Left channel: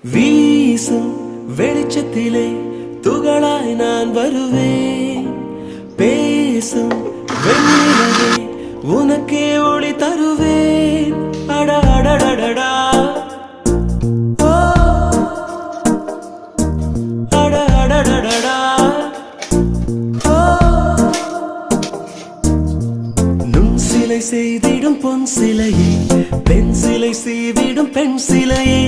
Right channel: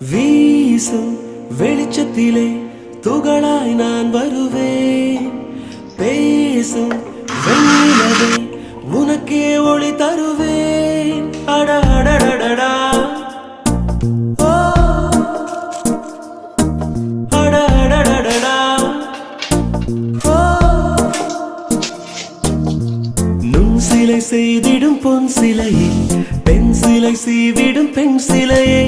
வீசும் வெளிச்சத்திலே துகளாய் நான் வருவேன். பேசும் வெண்ணிலவே உனக்கே ஒளி தருவேன். அட அடடடடா ஓ அட அடடடடா ஓ நுண் சிலை செய்திடும் பொன் சிலையே, பெண் சிலை செய்விடும் பெண் சிலையே,